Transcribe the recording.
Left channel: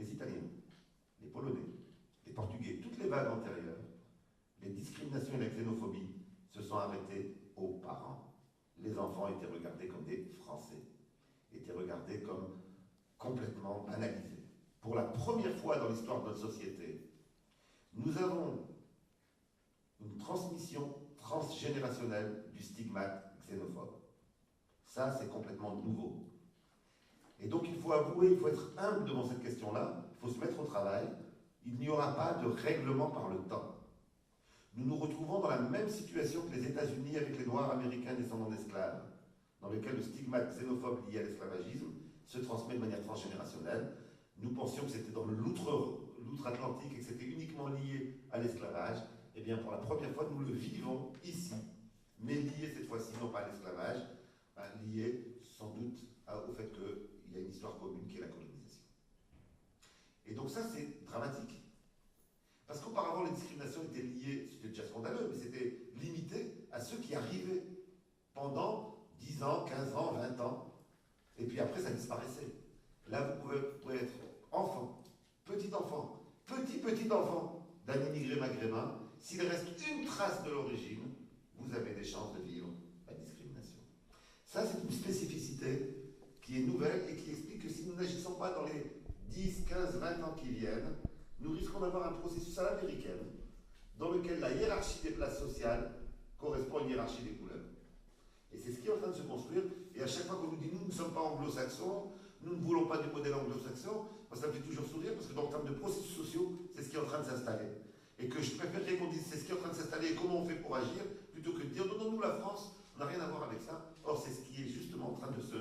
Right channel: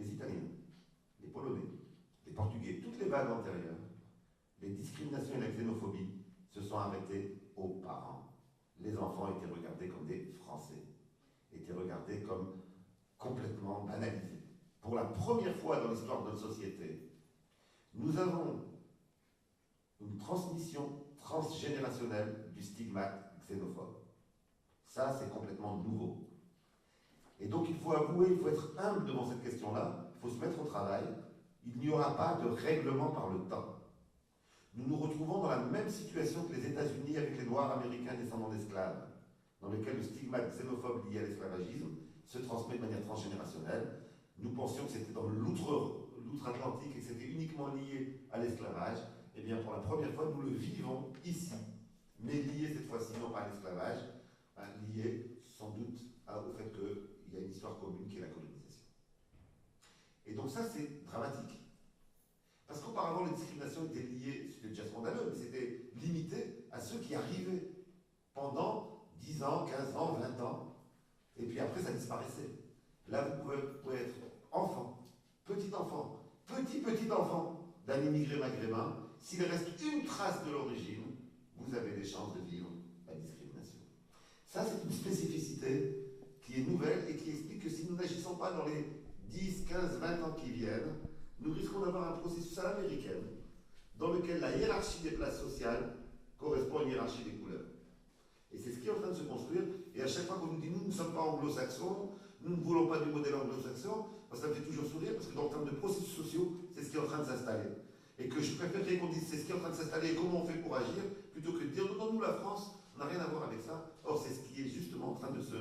les Italiens, les Polonais, les Portugais, toutes les vagues antérieures, les discriminations et la xénophobie se sont arrêtées aux parents. Les enfants étaient regardés comme des Français, étaient regardés comme complètement banalisés. Pour la première fois dans l'histoire de notre société, nous avons une transmission transgénérationnelle du stigmate xénophobe. Ça, c'est complètement nouveau. Et donc, il faut avouer, il faut être humble devant cette question-là, il faut se mettre au travail. Il n'y aura pas de règlement par le temps. Nous nous retrouvons dans la même situation que les États-Unis avec les Noirs américains descendants d'esclaves, dans lequel le stigmate xénophobe lié à l'esclavagisme se transmet de manière transgénérationnelle. Nous pensions que c'était dans l'outre-Atlantique et que c'était uniquement lié à l'esclavage. Eh bien, pour la première fois, nous le vivons ici, mais lié cette fois-ci non pas à l'esclavage, lié sans doute au fait qu'il y a une histoire commune qui est la colonisation. Et donc ça, c'est dramatique. Parce qu'auparavant, les discriminations étaient liées, c'était déjà scandaleux, mais c'était limité à ceux qui arrivaient pendant 10 ans, 15 ans, 20 ans, et puis après, ça disparaissait. Là, vous pouvez être enfant, petit enfant d'un immigré maghrébin. S'il reste une trace de l'origine, vous avez des chances de vivre la discrimination. Ça, c'est une spécificité qui est nouvelle et qui explique que si nous n'agissons pas dans les 10, 15, 20 ans qui viennent, nous risquons d'avoir un processus à l'américaine dans lequel la hiérarchie des places sociales correspond à une hiérarchie des couleurs. Et c'est ce qui est en train de se construire. Et à chaque fois qu'on nous dit, nous ne sommes pas anglo-saxons, nous ne voulons pas du modèle anglo-saxon, ça me fait toujours sourire parce que dans le terme de processus sociaux, c'est ce qui est en train de s'installer. Et que je préférerais qu'on dise c'est ce qui est en train de s'installer et comment on fait pour agir, plutôt que de dire non, nous la France, on n'a rien à voir avec ça. Or, c'est ce qui est justement en train de se